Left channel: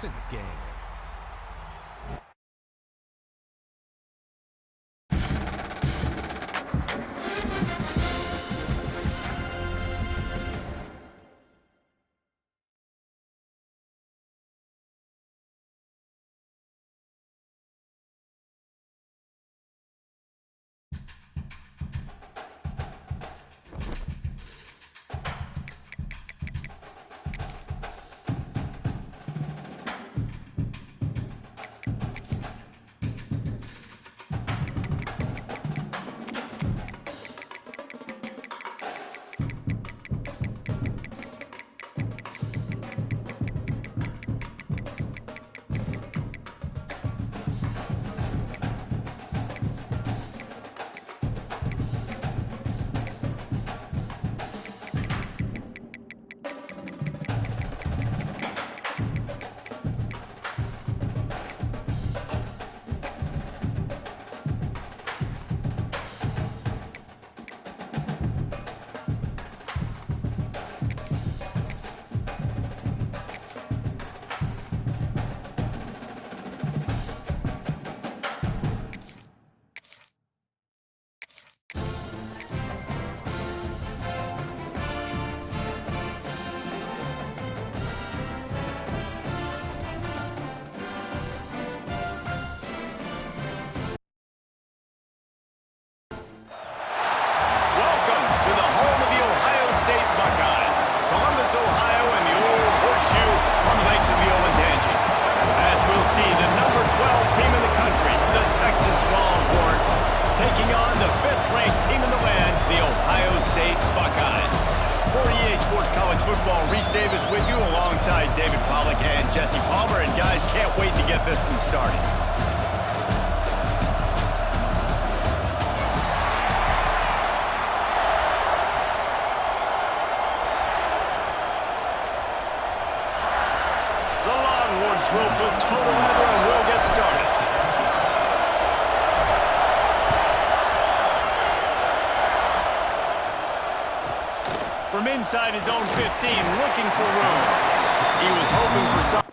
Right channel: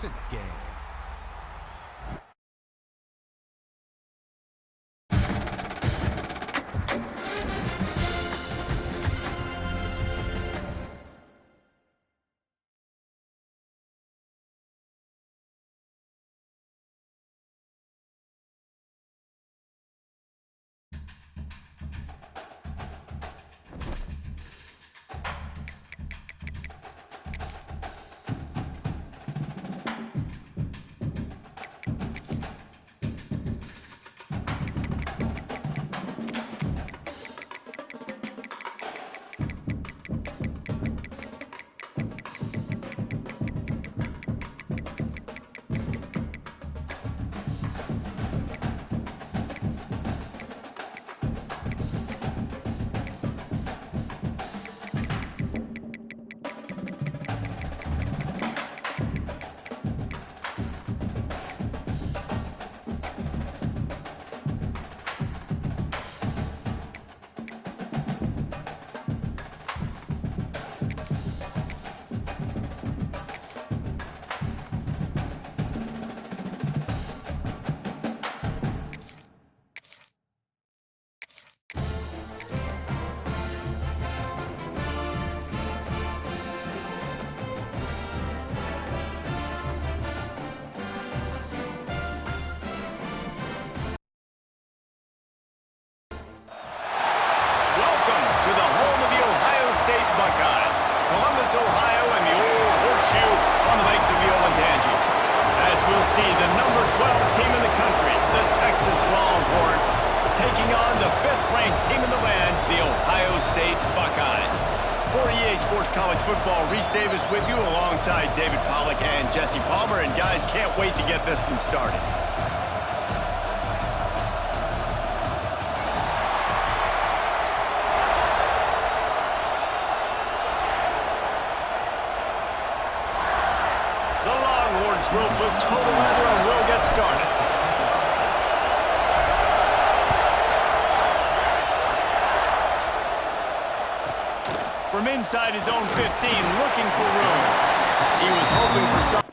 It's in the game. Welcome to the home of the Ohio State Buckeyes, Columbus, Ohio, and the old horseshoe on the banks of the Olentangy. As we'll see, the number 12 team in the country, the Texas Longhorns, taking on the 5th-ranked team in the land, the Ohio State Buckeyes. For EA Sports College Football, Reese Davis with you alongside David Pollack and Jesse Palmer, and guys, can't wait to get this one started. The Longhorns will put total leather and we'll get started. From inside his own 15, looking for room. He was hoping for some.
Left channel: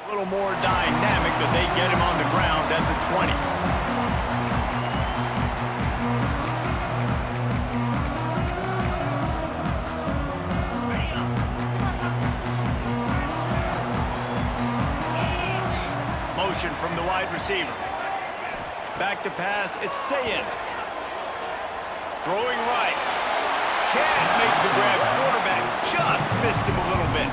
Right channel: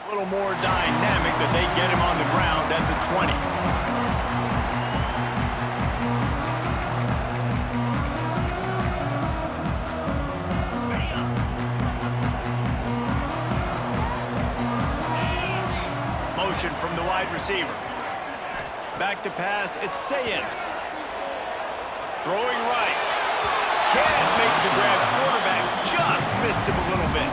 A little more dynamic, but they get him on the ground at the 20. Motion from the wide receiver. Back to pass, it's Sayin. Throwing right. Can't make the grab. Quarterback just missed him a little bit.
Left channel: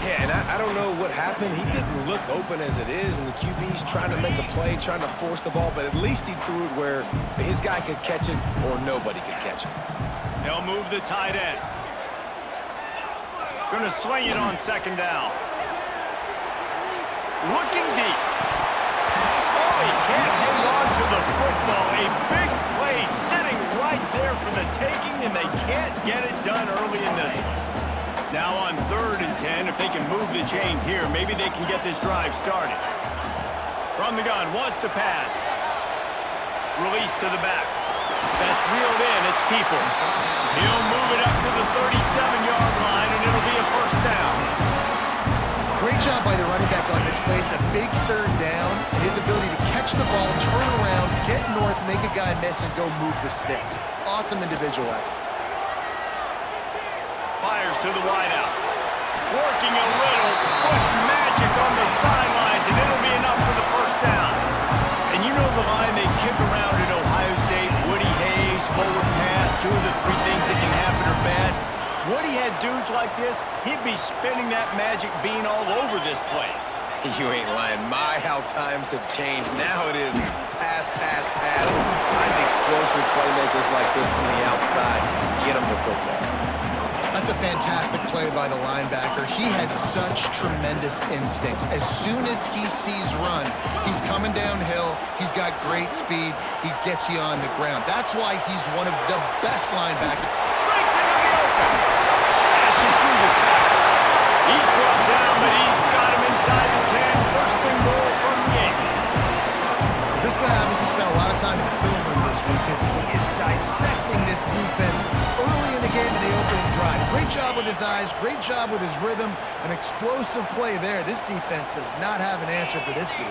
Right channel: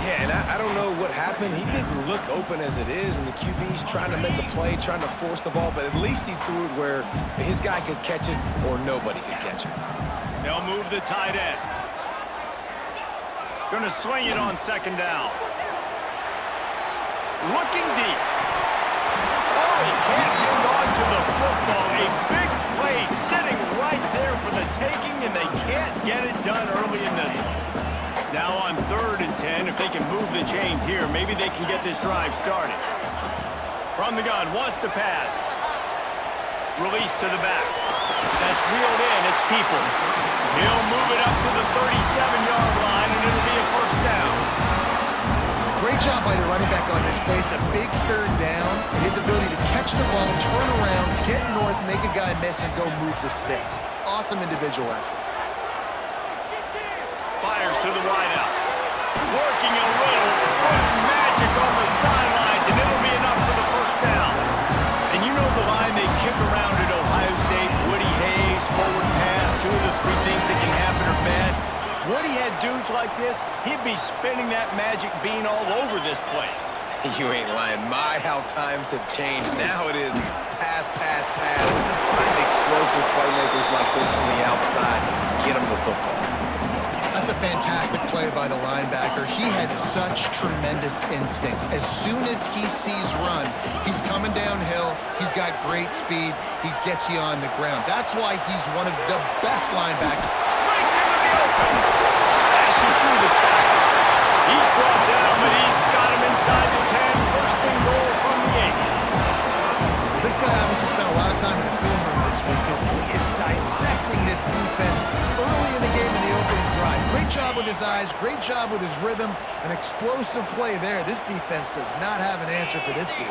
Yeah, and I don't know what happened. He didn't look open as it is, and the QB's trying to make a play, trying to force the ball, but at least he threw it where his guy could catch it or nobody could catch it. They'll move the tight end. Gonna swing it on 2nd down. Looking deep. Oh, he can't hang on to the football. A big play sitting right there for the taking, and they can't get it done early in this one. Now on 3rd and 10, if they can move the chains here, maybe they can get this drive started. From the gun, wants to pass. Release to the back. That's reeled in, it's Peoples. He'll move it up to the 37-yard line, and it'll be a 1st down. Great job by the running back on this play. It's a big 3rd down, and his ability to catch the ball, turn around, get north, make a guy miss, and go move the sticks. Awesome individual effort. Fires to the wideout. Working a little foot magic on the sidelines, and it'll be enough for the 1st down. And you know the line they kick around at Ohio State, Woody Hayes, forward pass, 2 of the 3 things that can happen are bad. Woody had dudes like this, he'd be spinning that magic bean all over this place. You ain't lying. My, how times have changed. Now it is pass, pass, pass. Find explosive playmakers like this on the outside. Get them the football. That's a fantastic play by the linebacker. He has such tremendous instincts. As soon as he sees run, he's coming downhill. He's got great speed. He gets you on the ground. That's why he's one of the best linebackers. Breaks into the open. Smashes through the tackle. He's brought down, but he's got him inside the 10. First and goal from the 8. This guy obviously spent a lot of time in the film room this week because he is dissecting this defense early in the game in the opening drive. Great job with his eyes, great job with his rhythm, an explosive play there. This defense does not have an answer for this dude.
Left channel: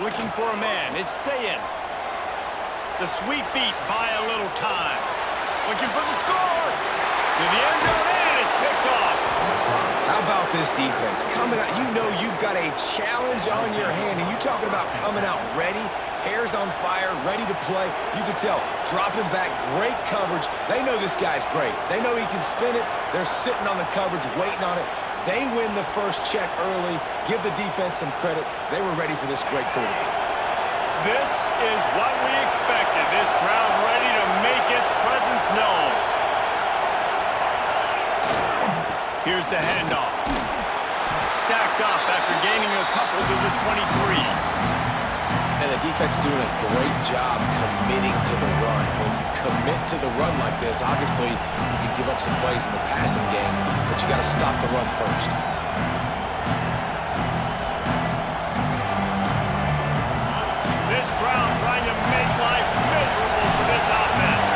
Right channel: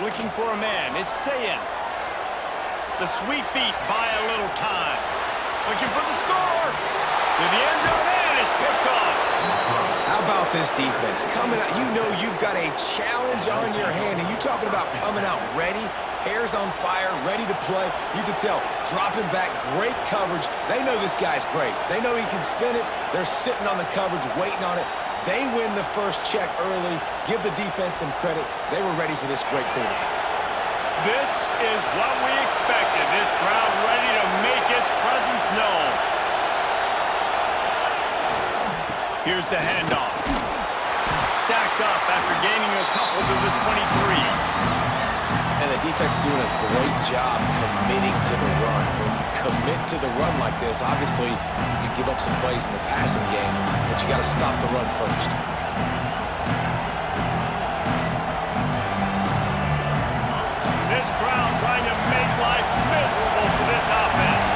Looking for a man, it's Sayin. The sweet feet buy a little time. Looking for the score. To the end zone, and it's picked off. How about this defense? Coming out, you know you've got a challenge on your hand, and you're talking about coming out ready, hairs on fire, ready to play. You can tell, dropping back, great coverage. They know this guy's great. They know he can spin it. They're sitting on the coverage, waiting on it. They win the first check early. Give the defense some credit. They were ready for this great quarterback. This is what we expected. This crowd ready to make its presence known. Here's the handoff. Stacked up after gaining a couple to the 23. And the defense doing a great job committing to the run. When you commit to the run like this, obviously you can give up some plays in the passing game, but you got to stop the run first. This crowd trying to make life miserable for this offense.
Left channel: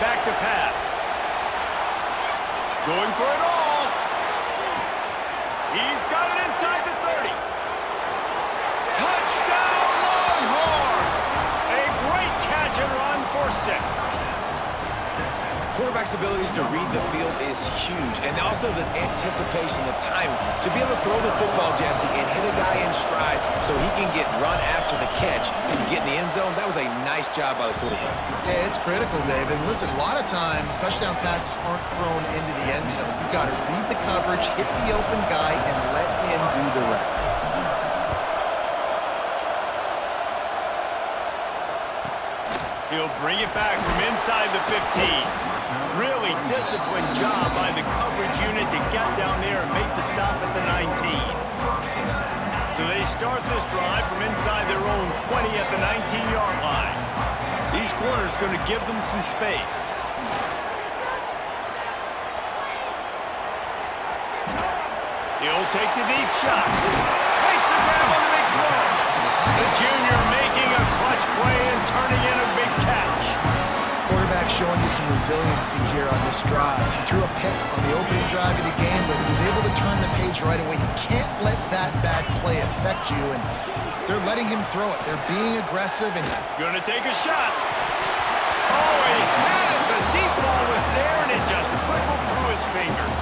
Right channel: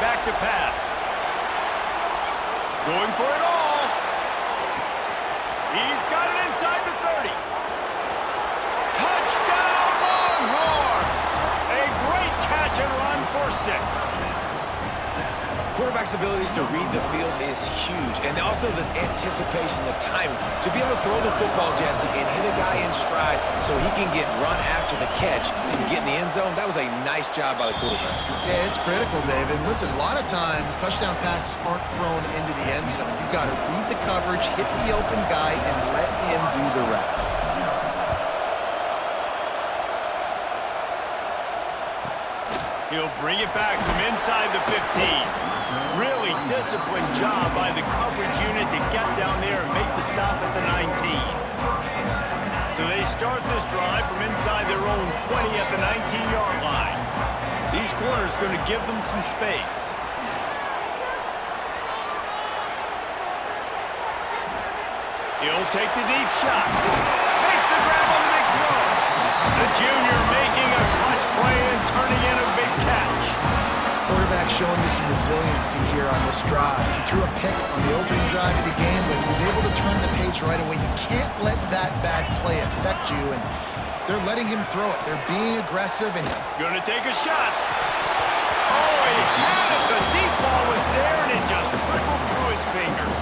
Back to pass. Going for it all. He's got it inside the 30. Touchdown, Longhorns! A great catch and run for 6. Quarterback's abilities to read the field is huge, and also the anticipation, the timing. To be able to throw the football, Jesse, and hit a guy in stride so he can get run after the catch and get in the end zone, that was a nice job by the quarterback. Yeah, it's critical, David. Listen, a lot of times touchdown passes aren't thrown into the end zone. You've got to read the coverage, hit the open guy, and let him do the rest. He'll bring it back from inside the 15. Really disciplined job by the coverage unit to get down there and make the stop at the 19. So they start this drive from inside their own 20 at the 19-yard line. These corners going to give them some space. He'll take the deep shot. Makes the grab on the big throw. The junior making a clutch play and turning in a big catch. Quarterback showing you some resiliency here on this drive. He threw a pick on the opening drive of the game, but he was able to turn the page right away. You can't let that bad play affect you, and they're letting him throw it. They're being aggressive, and Gonna take a shot. Oh, he had it. The deep ball was there, and it just trickled through his fingers.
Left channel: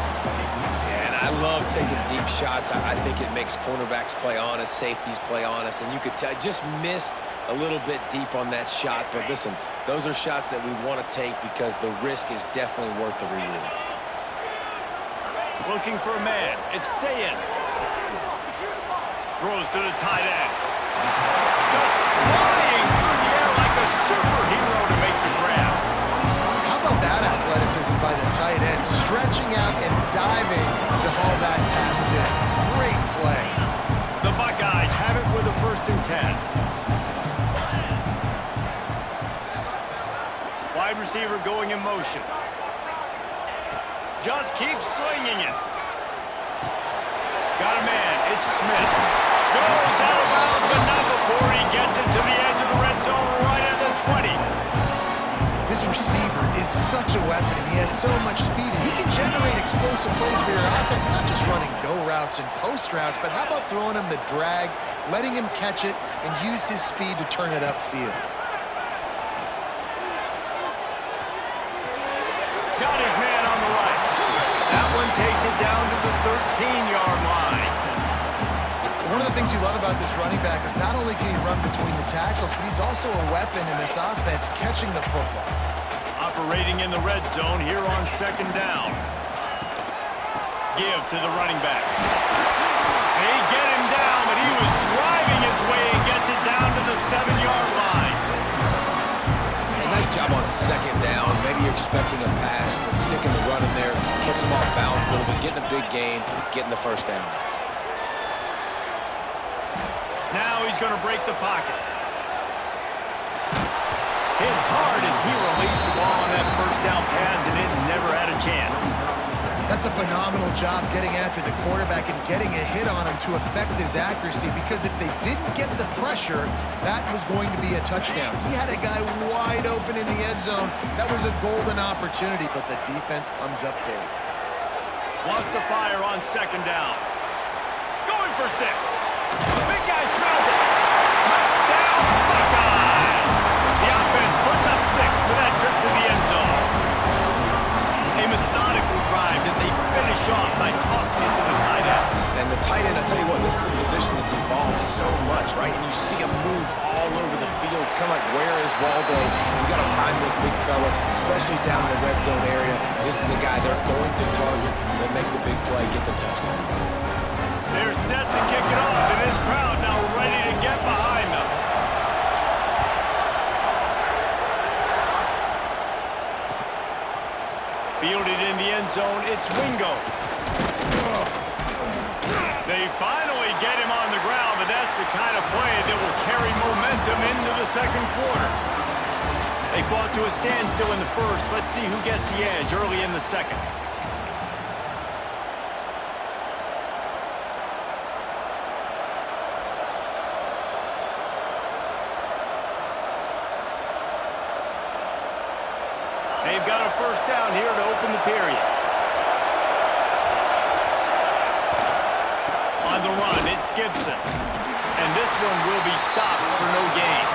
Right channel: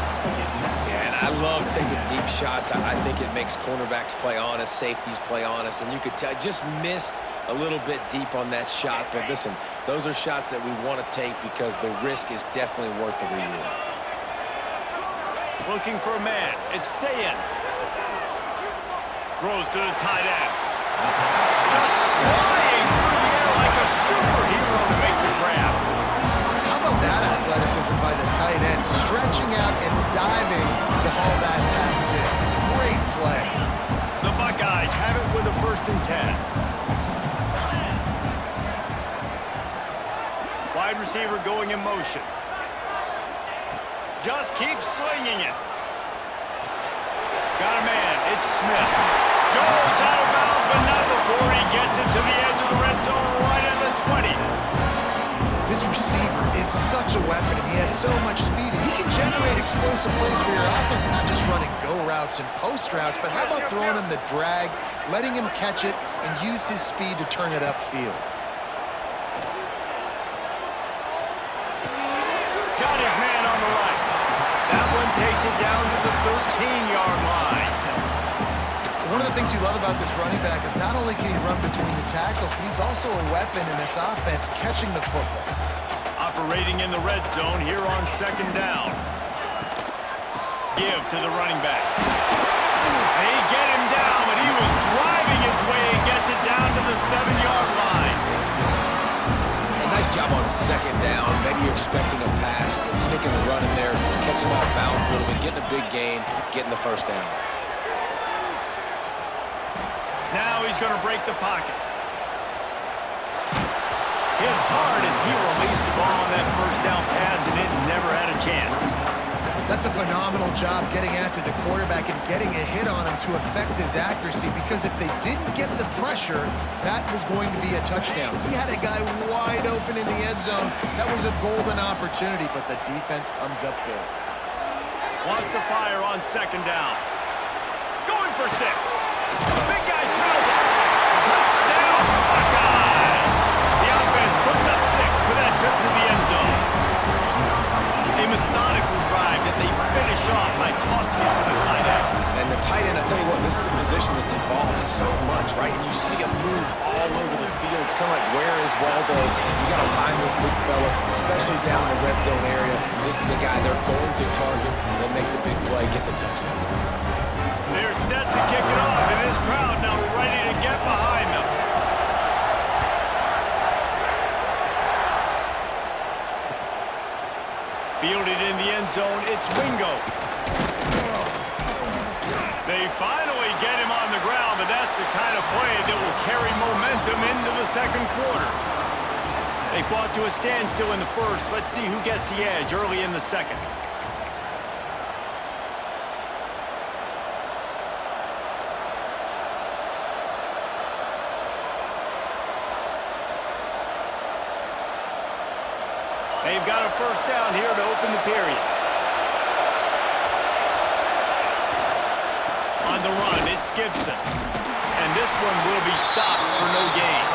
Yeah, and I love taking deep shots. I think it makes cornerbacks play honest, safeties play honest, and you could tell just missed a little bit deep on that shot. But listen, those are shots that we want to take because the risk is definitely worth the reward. Looking for a man. It's Sayin. Throws to the tight end. Just flying through the air like a superhero to make the grab. how about that athleticism by the tight end, stretching out and diving to haul that pass in. Great play. The Buckeyes have it with a 1st and 10. Wide receiver going in motion. Just keeps slinging it. Got a man. It's Smith. Goes out of bounds, but not before he gets it to the edge of the red zone right at the 20. This receiver is such a weapon, and he has so much speed, and he can generate explosive plays for your offense, not just running go routes and post routes, but how about throwing him the drag, letting him catch it, and use his speed to turn it upfield. Got his man on the right. That one takes it down to the 13-yard line. One of the things you love about this running back is not only can he run between the tackles, but he's also a weapon in this offense, catching the football. Operating in the red zone here on 2nd down. give to the running back. They get him down, but he was driving his way and gets it down to the 7-yard line. Hey, nice job on second down. Maybe you're expecting a pass, but sticking the run in there, catching him off balance a little bit, getting a big gain, getting the first down. Now he's going to break the pocket. Hit hard as he released the ball on that first down pass, and it never had a chance. That's a phenomenal job getting after the quarterback and getting a hit on him to affect his accuracy, because if they didn't get the pressure, that was going to be a touchdown. He had a guy wide open in the end zone. That was a golden opportunity, but the defense comes up big. Wants to fire on second down. Going for 6. The big guy smells it. Touchdown, Buckeyes! The offense puts up 6 with that trip to the end zone. A methodical drive that they finish off by tossing it to the tight end. And the tight end, I tell you what, this is a position that's evolved so much, right? And you see him move all over the field. It's kind of like, where is Waldo? You got to find this big fella, especially down in the red zone area. This is the guy they're going to target. They make the big play, get the touchdown. They're set to kick it off, and this crowd now ready to get behind them. Fielded in the end zone, it's Wingo. They finally get him on the ground, but that's the kind of play that will carry momentum into the second quarter. They fought to a standstill in the first. Let's see who gets the edge early in the second. They've got a first down here to open the period. On the run, it's Gibson. And this one will be stopped for no gain.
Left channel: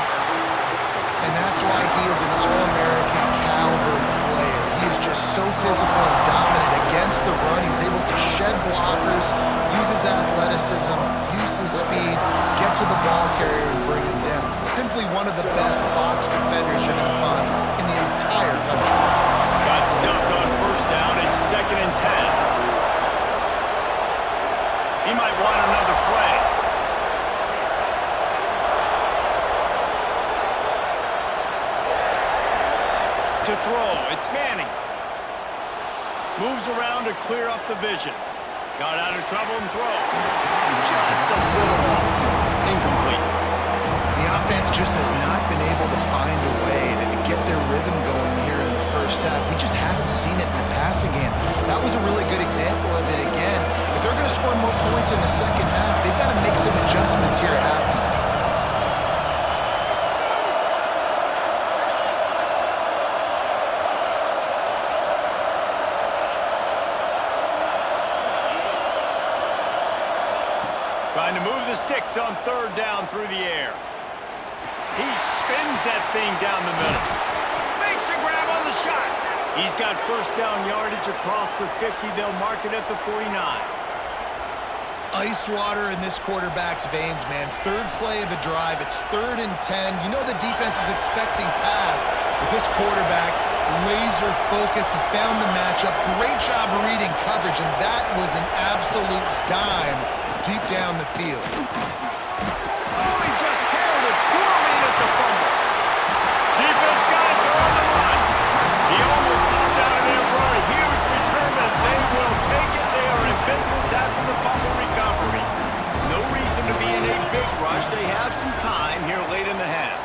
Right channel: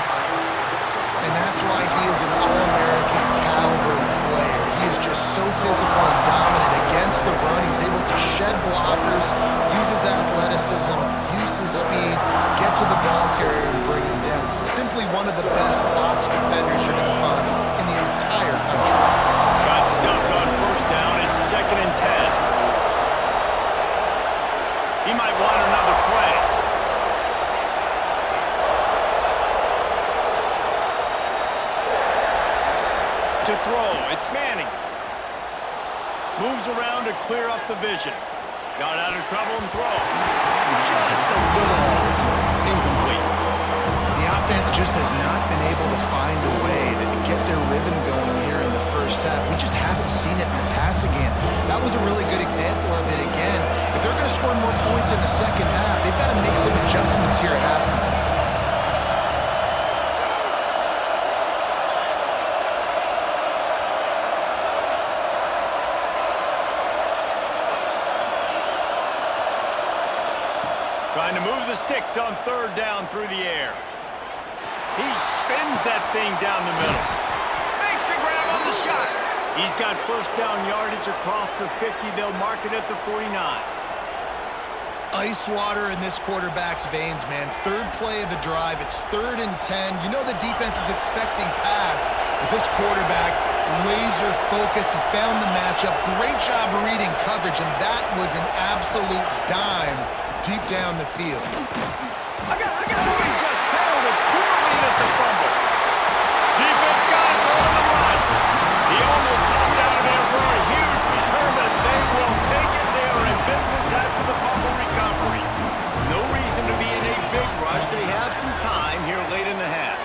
And that's why he is an All-American caliber player. He is just so physical and dominant against the run. He's able to shed blockers, use his athleticism, use his speed, get to the ball carrier and bring him down. Simply one of the best box defenders you're going to find in the entire country. Got stuffed on first down. It's 2nd and 10. He might want another play. To throw, it's Manning. Moves around to clear up the vision. Got out of trouble and throws. Just a little off. Incomplete. The offense just has not been able to find a way to get their rhythm going here in the first half. We just haven't seen it in the passing game. That was a really good example of it again. If they're going to score more points in the second half, they've got to make some adjustments here at halftime. Trying to move the sticks on third down through the air. He spins that thing down the middle. Makes a grab on the shot. He's got first down yardage across the 50. They'll mark it at the 49. Ice water in this quarterback's veins, man. Third play of the drive. It's 3rd and 10. You know the defense is expecting pass, but this quarterback, laser focus. He found the matchup. Great job reading coverage, and that was an absolute dime deep down the field. Oh, he just handled it poorly, and it's a fumble. Defense got it. They're on the run. He almost popped out of there for a huge return, but they will take it. They are in business after the fumble recovery. No reason to be in a big rush. They have some time here late in the half.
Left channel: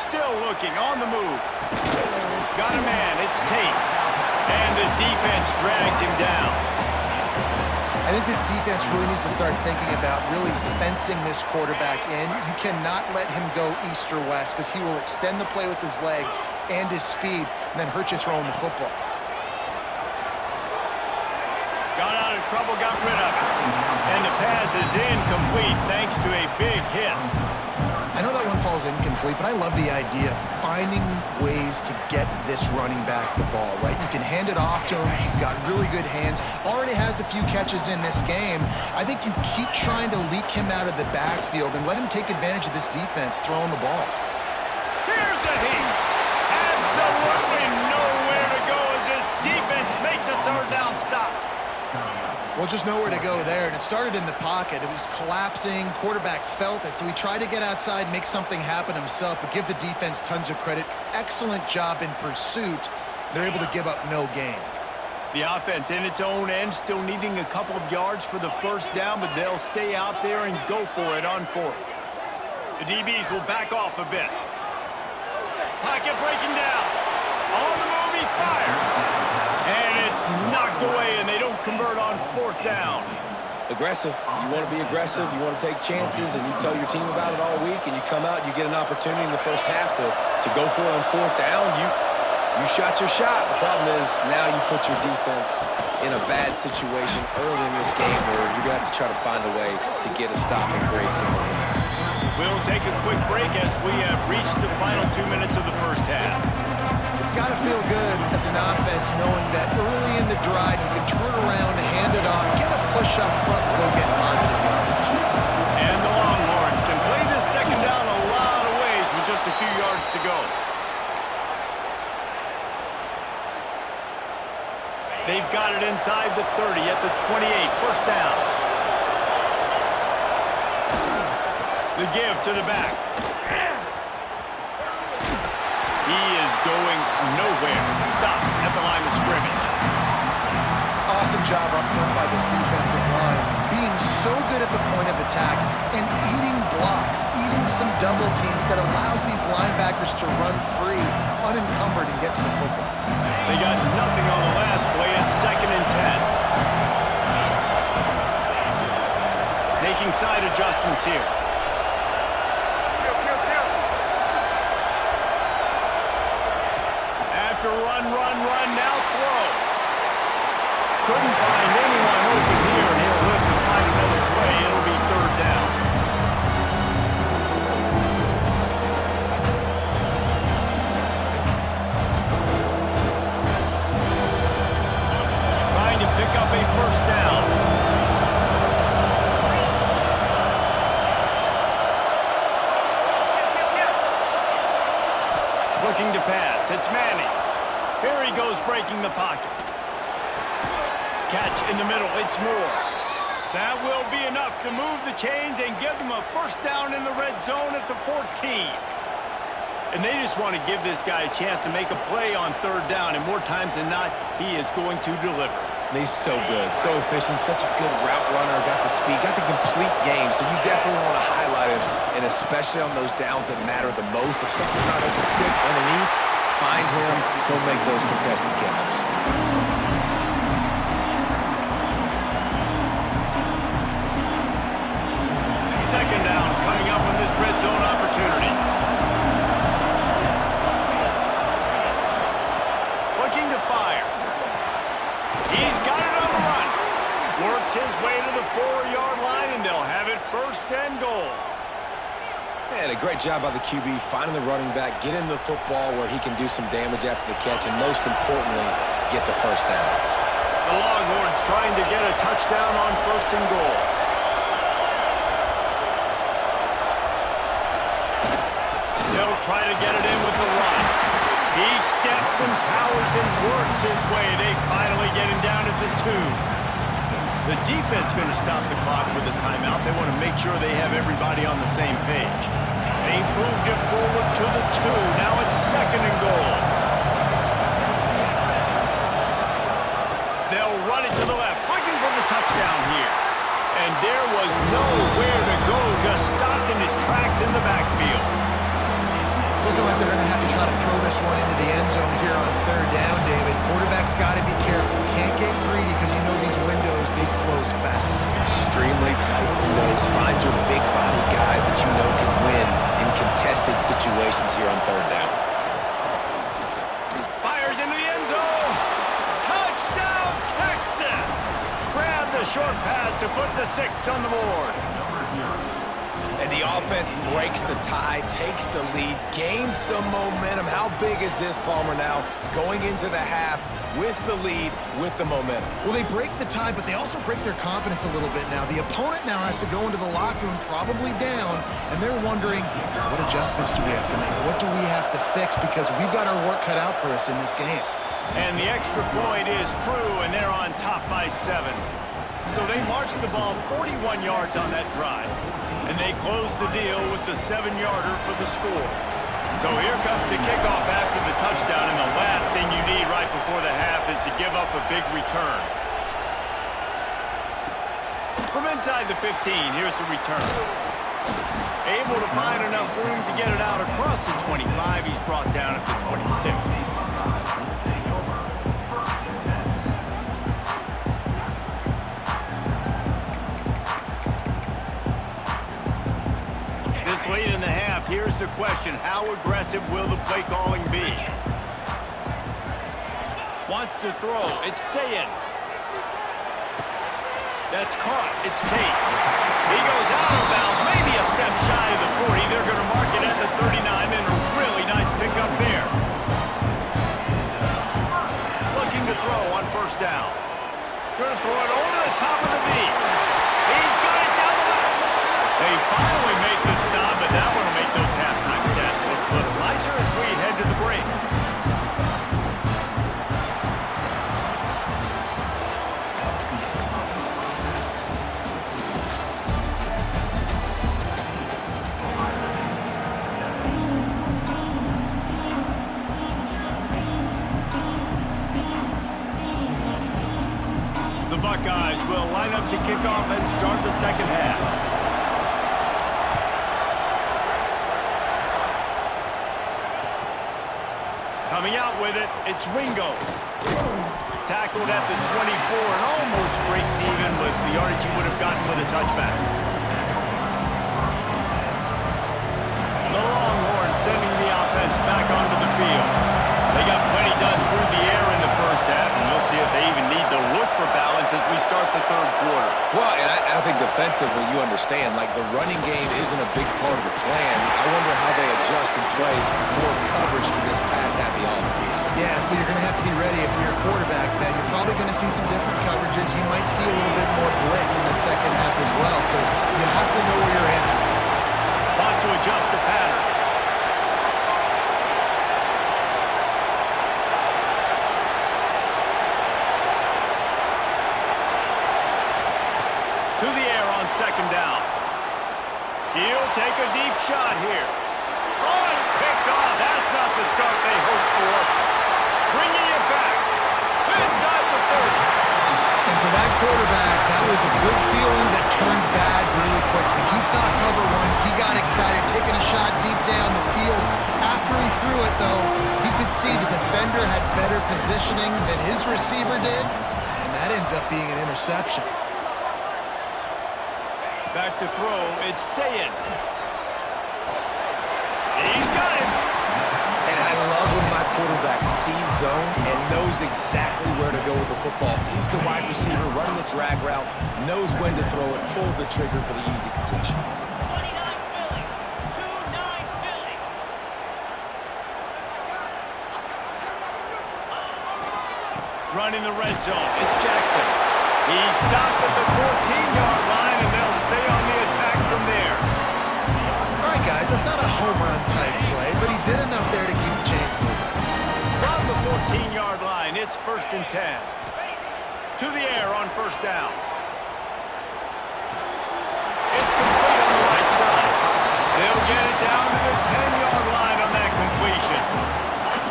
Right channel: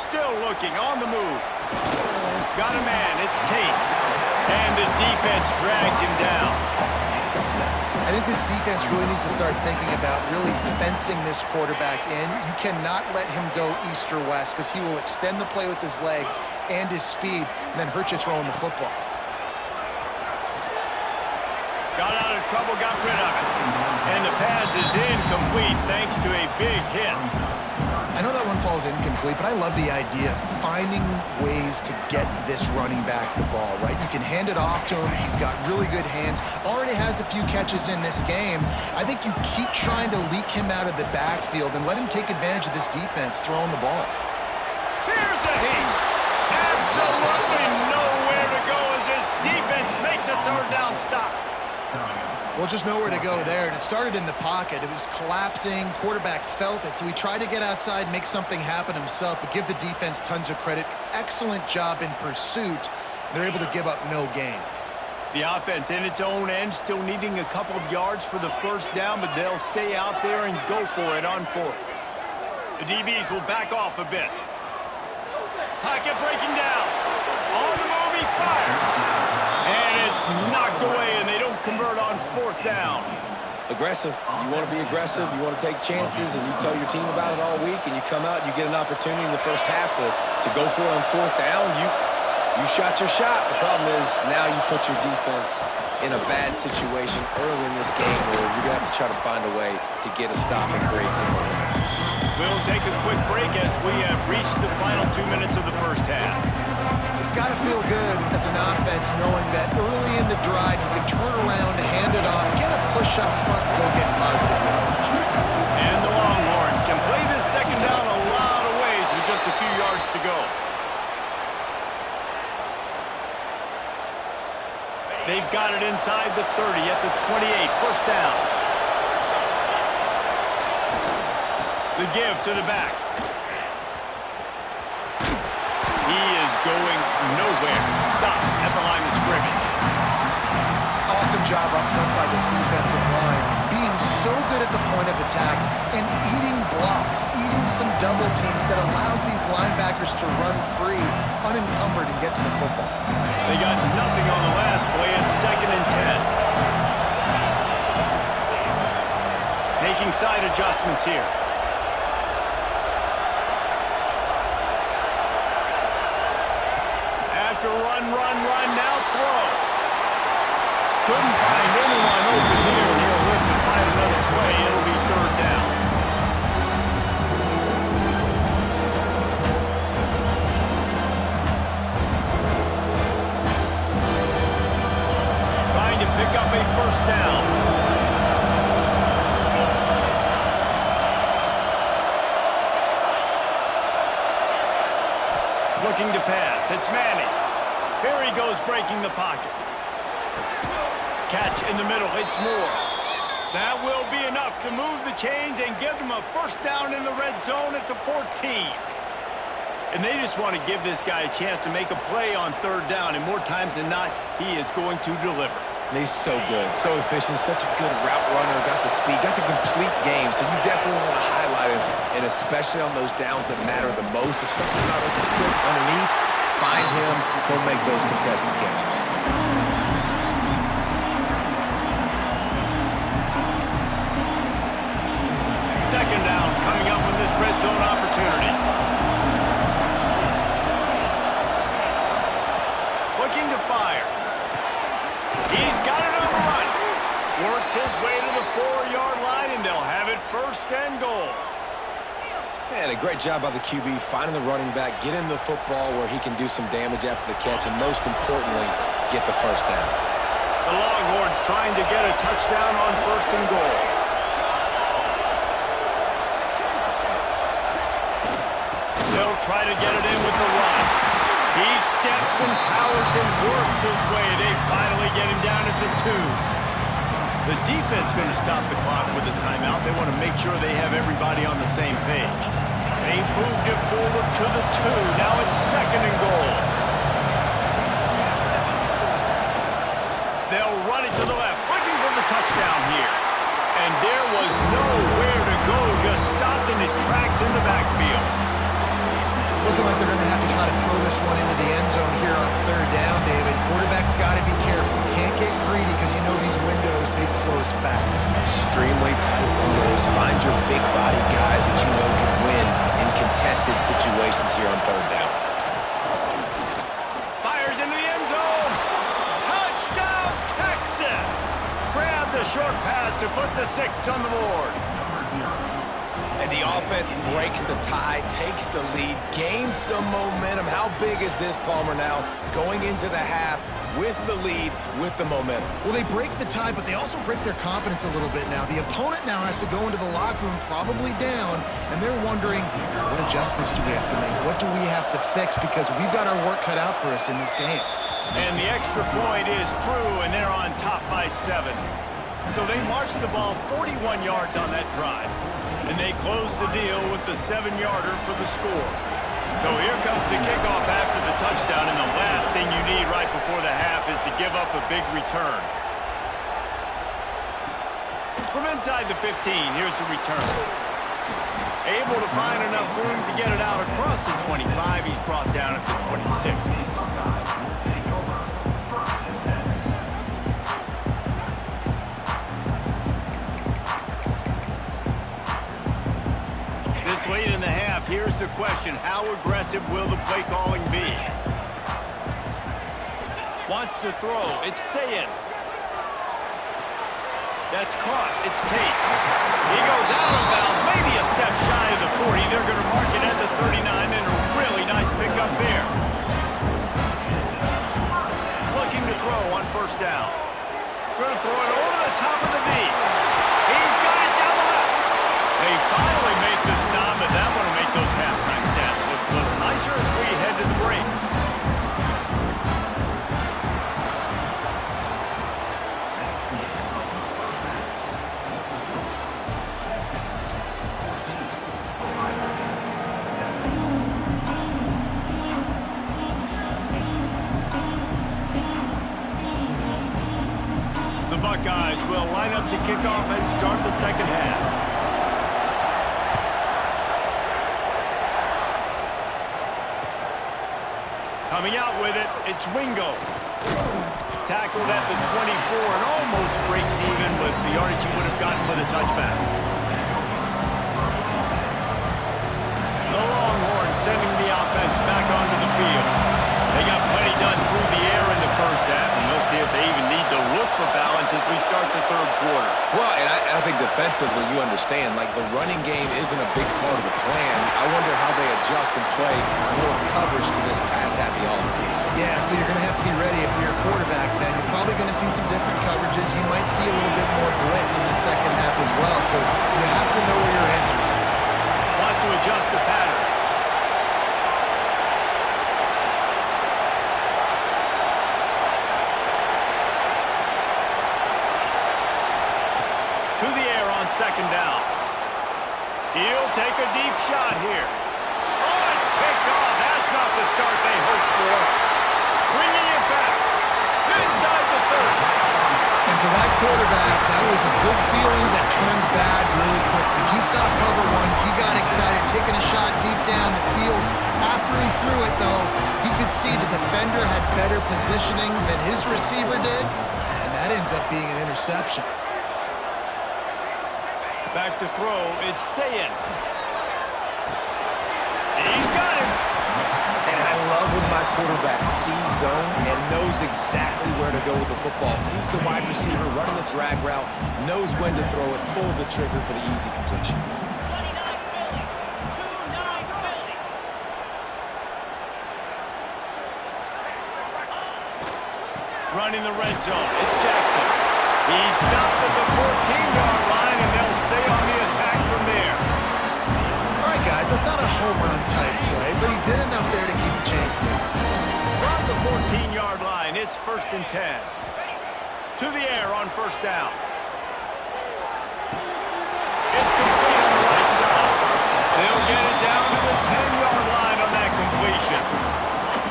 Still looking, on the move. Got a man, it's Tate. And the defense drags him down. I think this defense really needs to start thinking about really fencing this quarterback in. You cannot let him go east or west, because he will extend the play with his legs and his speed and then hurt you throwing the football. Got out of trouble, got rid of it. And the pass is incomplete thanks to a big hit. I know that one falls incomplete, but I love the idea of finding ways to get this running back the ball, right? You can hand it off to him. He's got really good hands. Already has a few catches in this game. I think you keep trying to leak him out of the backfield and let him take advantage of this defense throwing the ball. Here's a heat. Absolutely no third down stop. Well, just nowhere to go there, and it started in the pocket. It was collapsing. Quarterback felt it, so he tried to get outside, make something happen himself, but give the defense tons of credit. Excellent job in pursuit. They're able to give up no gain. The offense in its own end, still needing a couple of yards for the first down, but they'll stay out there and go for it on fourth. The DBs will back off a bit. Pocket breaking down. On the move, he fires. And it's knocked away, and they don't convert on fourth down. Aggressive. You want to be aggressive. You want to take chances, and you tell your team about it all week, and you come out and you get an opportunity in the first half to go for it on fourth down. You shot your shot. The problem is now you put your defense in a bad situation early in this game where you're going to have to try to find a way to get a stop and create some momentum. We'll take a quick break as we have reached the final 2 minutes of the first half. It's got to feel good as an offense knowing that early in the drive you can turn around, hand it off, get a push up front, and go get positive yardage. And the Longhorns can play this second down a lot of ways with just a few yards to go. They've got it inside the 30 at the 28, first down. The give to the back. He is going nowhere. Stop at the line of scrimmage. Awesome job up front by this defensive line, being so good at the point of attack and eating blocks, eating some double teams that allows these linebackers to run free, unencumbered, and get to the football. They got nothing on the last play. It's 2nd and 10. Making side adjustments here. After run, now throw. Couldn't find anyone open here, and he'll live to find another play. It'll be third down. Trying to pick up a first down. Looking to pass. It's Manning. Here he goes, breaking the pocket. Catch in the middle. It's Moore. That will be enough to move the chains and give them a first down in the red zone at the 14. And they just want to give this guy a chance to make a play on third down, and more times than not, he is going to deliver. And he's so good, so efficient, such a good route runner, got the speed, got the complete game, so you definitely want to highlight him, and especially on those downs that matter the most. If something's not open quick underneath, find him, he'll make those contested catches. Second down coming up on this red zone opportunity. Looking to fire. He's got it on the run. Works his way to the 4-yard line, and they'll have it first and goal. Man, a great job by the QB, finding the running back, get him the football where he can do some damage after the catch, and most importantly, get the first down. The Longhorns trying to get a touchdown on first and goal. They'll try to get it in with the run. He steps and powers and works his way. They finally get him down at the 2. The defense going to stop the clock with a timeout. They want to make sure they have everybody on the same page. They moved it forward to the 2. Now it's second and goal. They'll run it to the left, looking for the touchdown here. And there was nowhere to go, just stopped in his tracks in the backfield. It's looking like they're going to have to try to throw this one into the end zone here on third down, David. Quarterback's got to be careful. Can't get greedy because you know these windows, they close fast. Extremely tight windows. Find your big body guys that you know can win in contested situations here on third down. Fires into the end zone. Touchdown, Texas! Grab the short pass to put the 6 on the board. And the offense breaks the tie, takes the lead, gains some momentum. How big is this, Palmer, now going into the half with the lead, with the momentum? Well, they break the tie, but they also break their confidence a little bit now. The opponent now has to go into the locker room probably down, and they're wondering, what adjustments do we have to make? What do we have to fix? Because we've got our work cut out for us in this game. And the extra point is true, and they're on top by 7. So they marched the ball 41 yards on that drive. And they closed the deal with the 7-yarder for the score. So here comes the kickoff after the touchdown, and the last thing you need right before the half is to give up a big return. From inside the 15, here's the return. Able to find enough room to get it out across the 25. He's brought down at the 26. This late in the half, here's the question. How aggressive will the play calling be? Wants to throw. It's Sayin. That's caught. It's Tate. He goes out of bounds, maybe a step shy of the 40. They're going to mark it at the 39, and a really nice pickup there. Looking to throw on first down. Going to throw it over the top of the knee. He's got it down the left. They finally make the stop, but that one will make those halftime stats look a little nicer as we head to the break. The Buckeyes will line up to kick off and start the second half. Coming out with it, it's Wingo. Tackled at the 24 and almost breaks even with the yardage he would have gotten with a touchback. The Longhorns sending the offense back onto the field. They got plenty done through the air in the first half, and we'll see if they even need to look for balance as we start the third quarter. Well, and I think defensively, you understand, like the running game isn't a big part of the plan. I wonder how they adjust and play more coverage to this pass-happy offense. Yeah, so you're going to have to be ready if you're a quarterback, then. You're probably going to see some different coverages. You might see a little bit more blitz in the second half as well, so you have to know where your answers are. Wants to adjust the pattern. To the air on second down. He'll take a deep shot here. Oh, it's picked off. That's not the start they hoped for. Bringing it back. Inside the 30. And for that quarterback, that was a good feeling that turned bad really quickly. He saw cover one. He got excited, taking a shot deep down the field. After he threw it, though, he could see the defender had better positioning than his receiver did, and that ends up being an interception. Back to throw, it's Sayin. He's got it. And I love when my quarterback sees zone and knows exactly where to go with the football. Sees the wide receiver running the drag route, knows when to throw it, pulls the trigger for the easy completion. 29 Philly. 2-9 Philly. Running the red zone, it's Jackson. He stopped at the 14-yard line, and they'll stay on the attack from there. All right, guys, that's not a home run type play, but he did enough there to keep the chains moving. From the 14-yard line, it's 1st and 10. To the air on first down. It's complete on the right side. They'll get it down to the 10-yard line on that completion.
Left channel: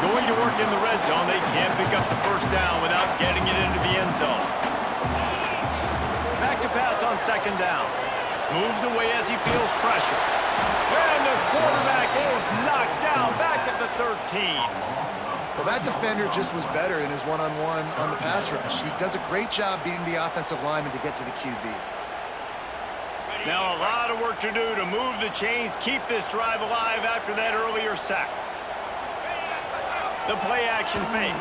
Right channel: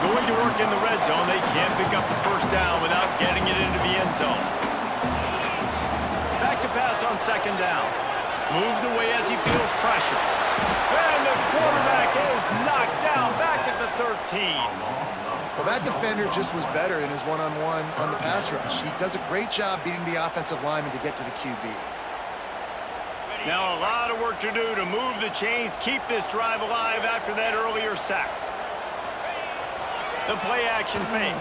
Going to work in the red zone, they can't pick up the first down without getting it into the end zone. Back to pass on second down. Moves away as he feels pressure. And the quarterback is knocked down back at the 13. Well, that defender just was better in his one-on-one on the pass rush. He does a great job beating the offensive lineman to get to the QB. Now a lot of work to do to move the chains, keep this drive alive after that earlier sack. The play action fake.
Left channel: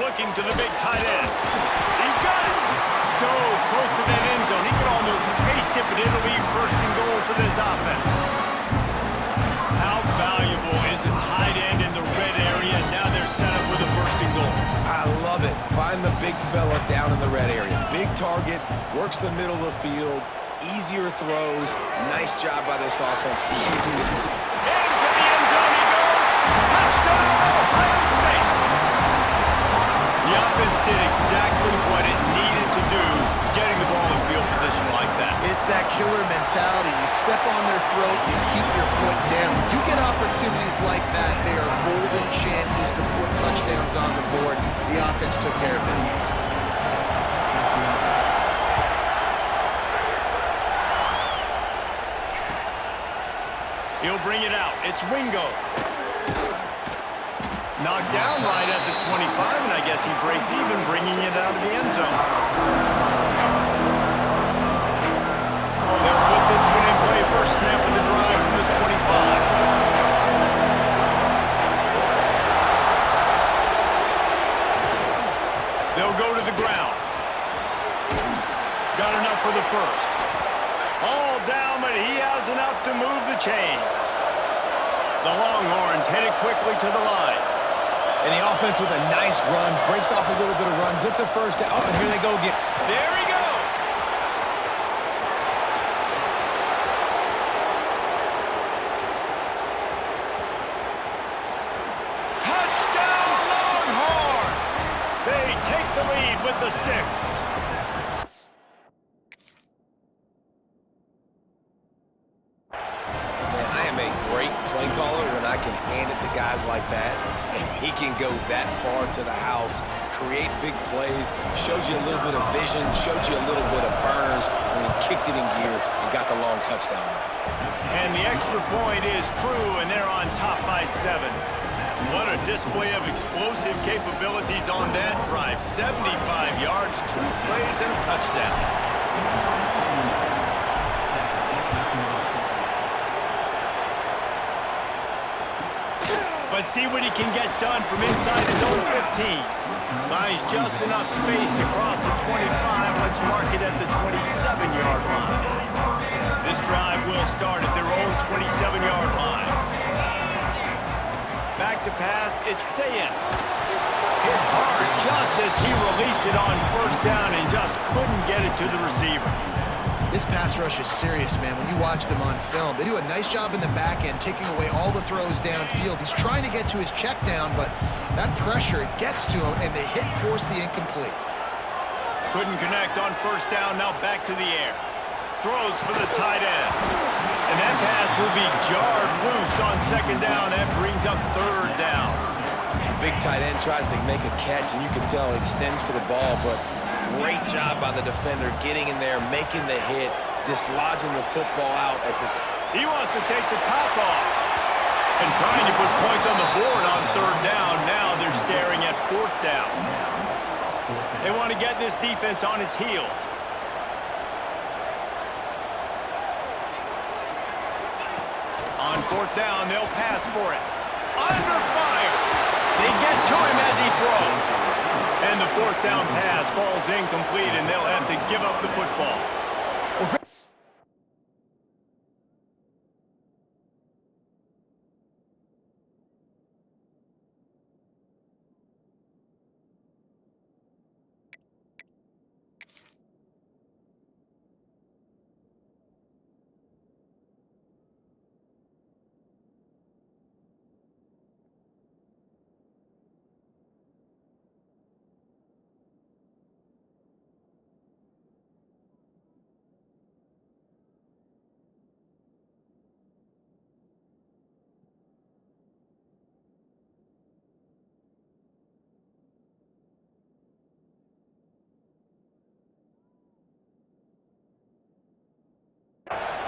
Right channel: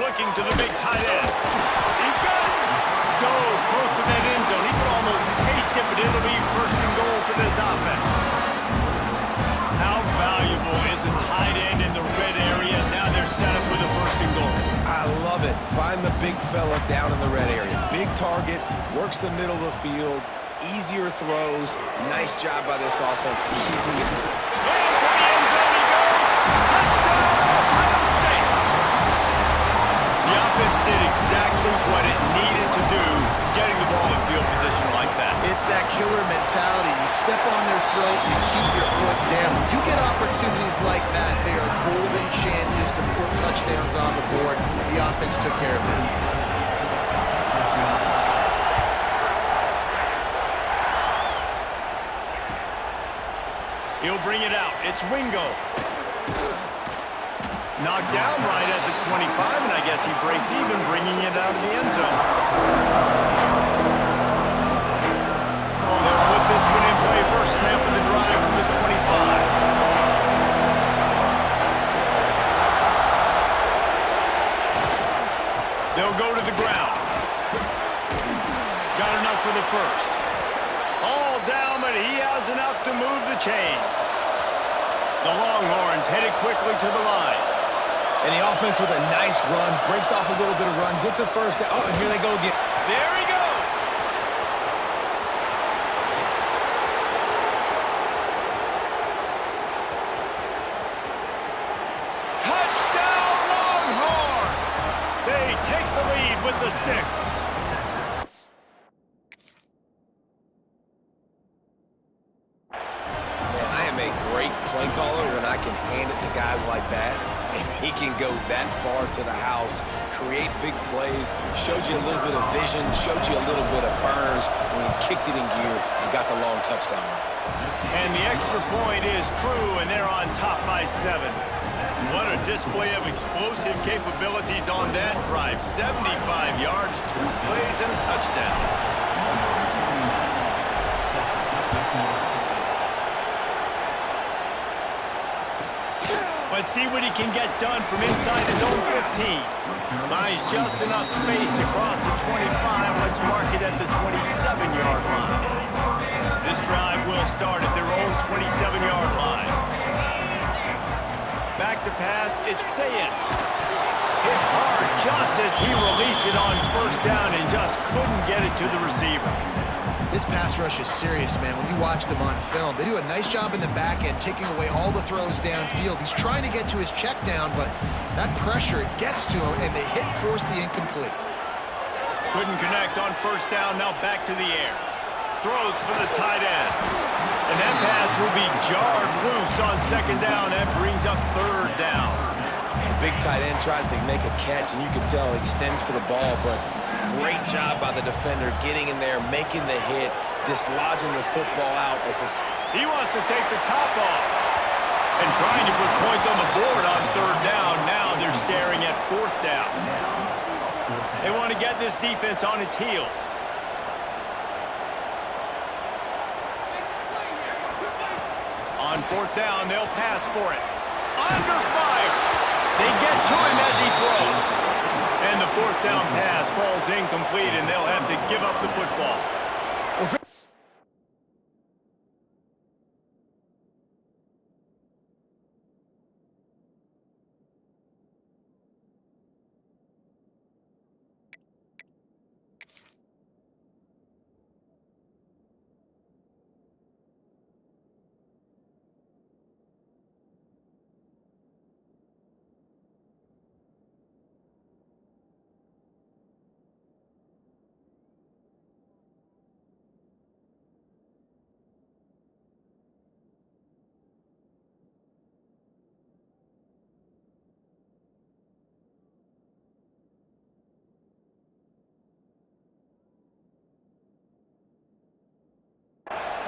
Looking to the big tight end. He's got it. So close to that end zone. He could almost taste it, but it'll be 1st and goal for this offense. How valuable is a tight end in the red area? Now they're set up with a 1st and goal. I love it. Find the big fella down in the red area. Big target, works the middle of the field, easier throws. Nice job by this offense keeping it. Into the end zone he goes. Touchdown, Ohio State. offense did exactly what it needed to do, getting the ball in field position like that. It's that killer mentality. You step on their throat, you keep your foot down. When you get opportunities like that, they are golden chances to put touchdowns on the board. The offense took care of business. He'll bring it out. It's Wingo. Knocked down right at the 25, and I guess he breaks even, bringing it out of the end zone. They'll put this one in play. First snap of the drive from the 25. They'll go to the ground. Got enough for the first. All down, but he has enough to move the chains. The Longhorns headed quickly to the line. And the offense with a nice run, breaks off a little bit of run, gets a first down. Oh, and here they go again. There he goes. Touchdown, Longhorns! They take the lead with the 6. Play caller when I can hand it to guys like that, and he can go that far to the house, create big plays, showed you a little bit of vision, showed you a little bit of burners when he kicked it in gear and got the long touchdown run. And the extra point is true, and they're on top by 7. What a display of explosive capabilities on that drive. 75 yards, 2 plays, and a touchdown. Let's see what he can get done from inside his own 15. Finds just enough space to cross the 25. Let's mark it at the 27-yard line. This drive will start at their own 27-yard line. Back to pass, it's Sayin. Hit hard just as he released it on first down and just couldn't get it to the receiver. This pass rush is serious, man. When you watch them on film, they do a nice job in the back end, taking away all the throws downfield. He's trying to get to his check down, but that pressure, it gets to him, and they force the incomplete. Couldn't connect on first down, now back to the air. Throws for the tight end. And that pass will be jarred loose on second down. That brings up third down. The big tight end tries to make a catch, and you can tell he extends for the ball, but great job by the defender getting in there, making the hit, dislodging the football out as he wants to take the top off and trying to put points on the board on third down. Now they're staring at fourth down. They want to get this defense on its heels. On fourth down, they'll pass for it. Under fire. They get to him as he throws. And the fourth down pass falls incomplete, and they'll have to give up the football.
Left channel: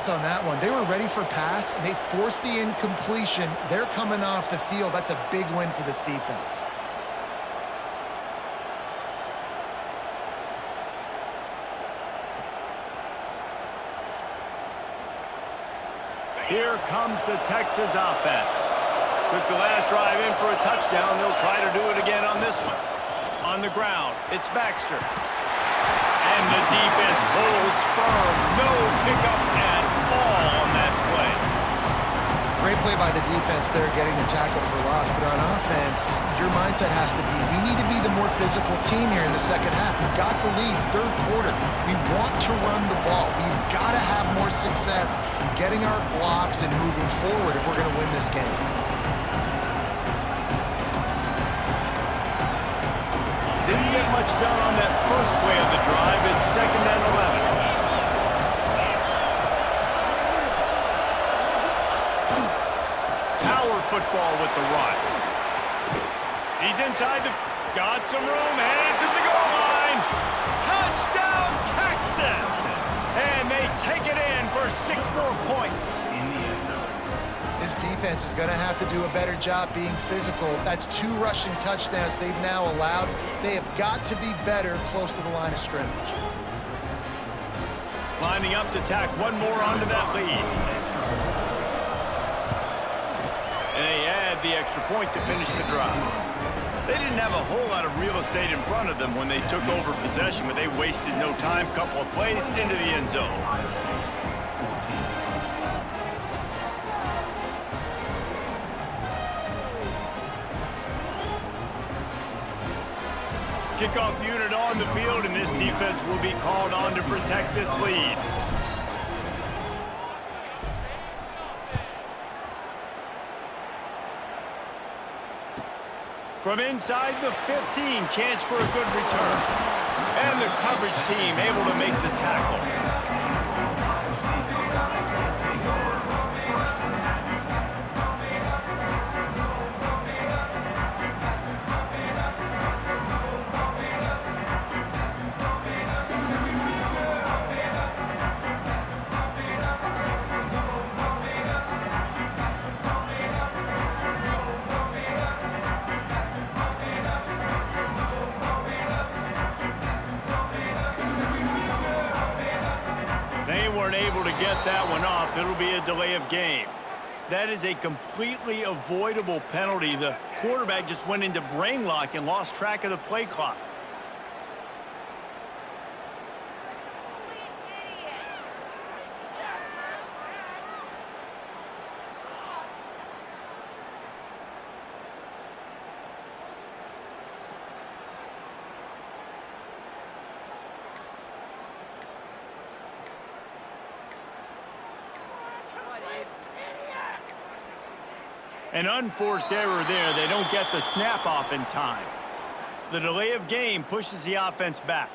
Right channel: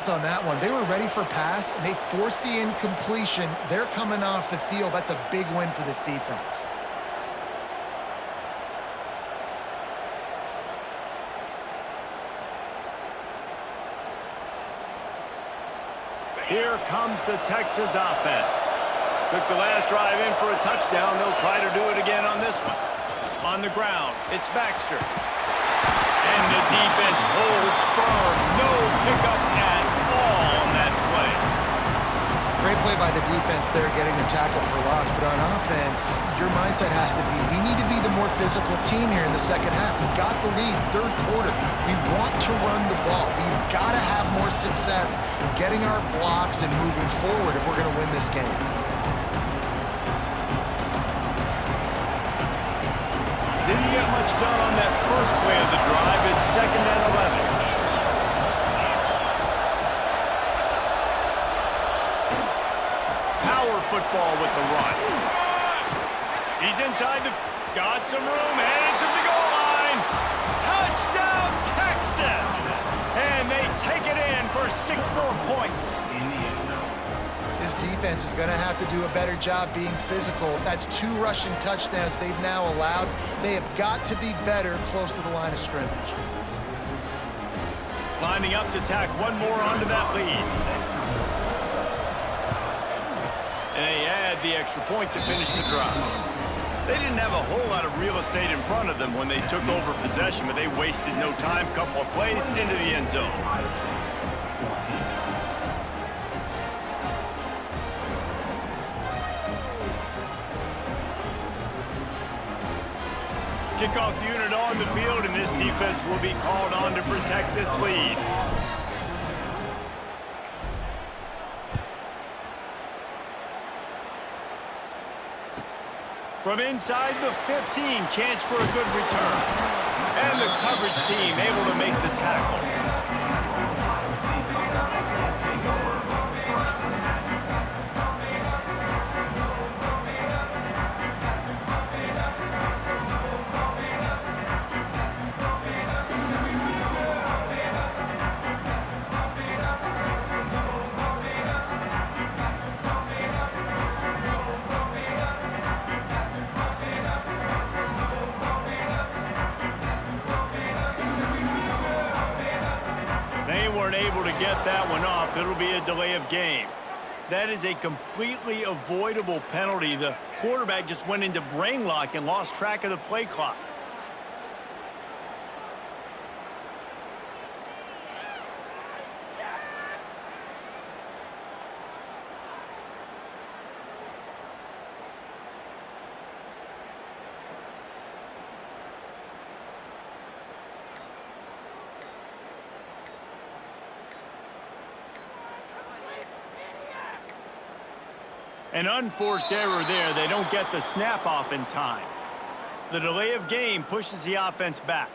On that one, they were ready for pass, and they forced the incompletion. They're coming off the field. That's a big win for this defense. Here comes the Texas offense. Took the last drive in for a touchdown. They'll try to do it again on this one. On the ground, it's Baxter. And the defense holds firm. No pickup at all on that play. Great play by the defense there, getting the tackle for loss. But on offense, your mindset has to be, we need to be the more physical team here in the second half. We've got the lead, third quarter. We want to run the ball. We've got to have more success getting our blocks and moving forward if we're going to win this game. Didn't get much done on that first play of the drive. It's 2nd and 11. Power football with the run. He's inside the... Got some room, headed to the goal line. Touchdown, Texas! And they take it in for 6 more points. His defense is going to have to do a better job being physical. That's 2 rushing touchdowns they've now allowed. They have got to be better close to the line of scrimmage. Lining up to tack one more onto that lead. And they add the extra point to finish the drive. They didn't have a whole lot of real estate in front of them when they took over possession, but they wasted no time. Couple of plays into the end zone. Kickoff unit on the field, and this defense will be called on to protect this lead. From inside the 15, chance for a good return. And the coverage team able to make the tackle. Able to get that one off. It'll be a delay of game. That is a completely avoidable penalty. The quarterback just went into brain lock and lost track of the play clock. An unforced error there. They don't get the snap off in time. The delay of game pushes the offense back.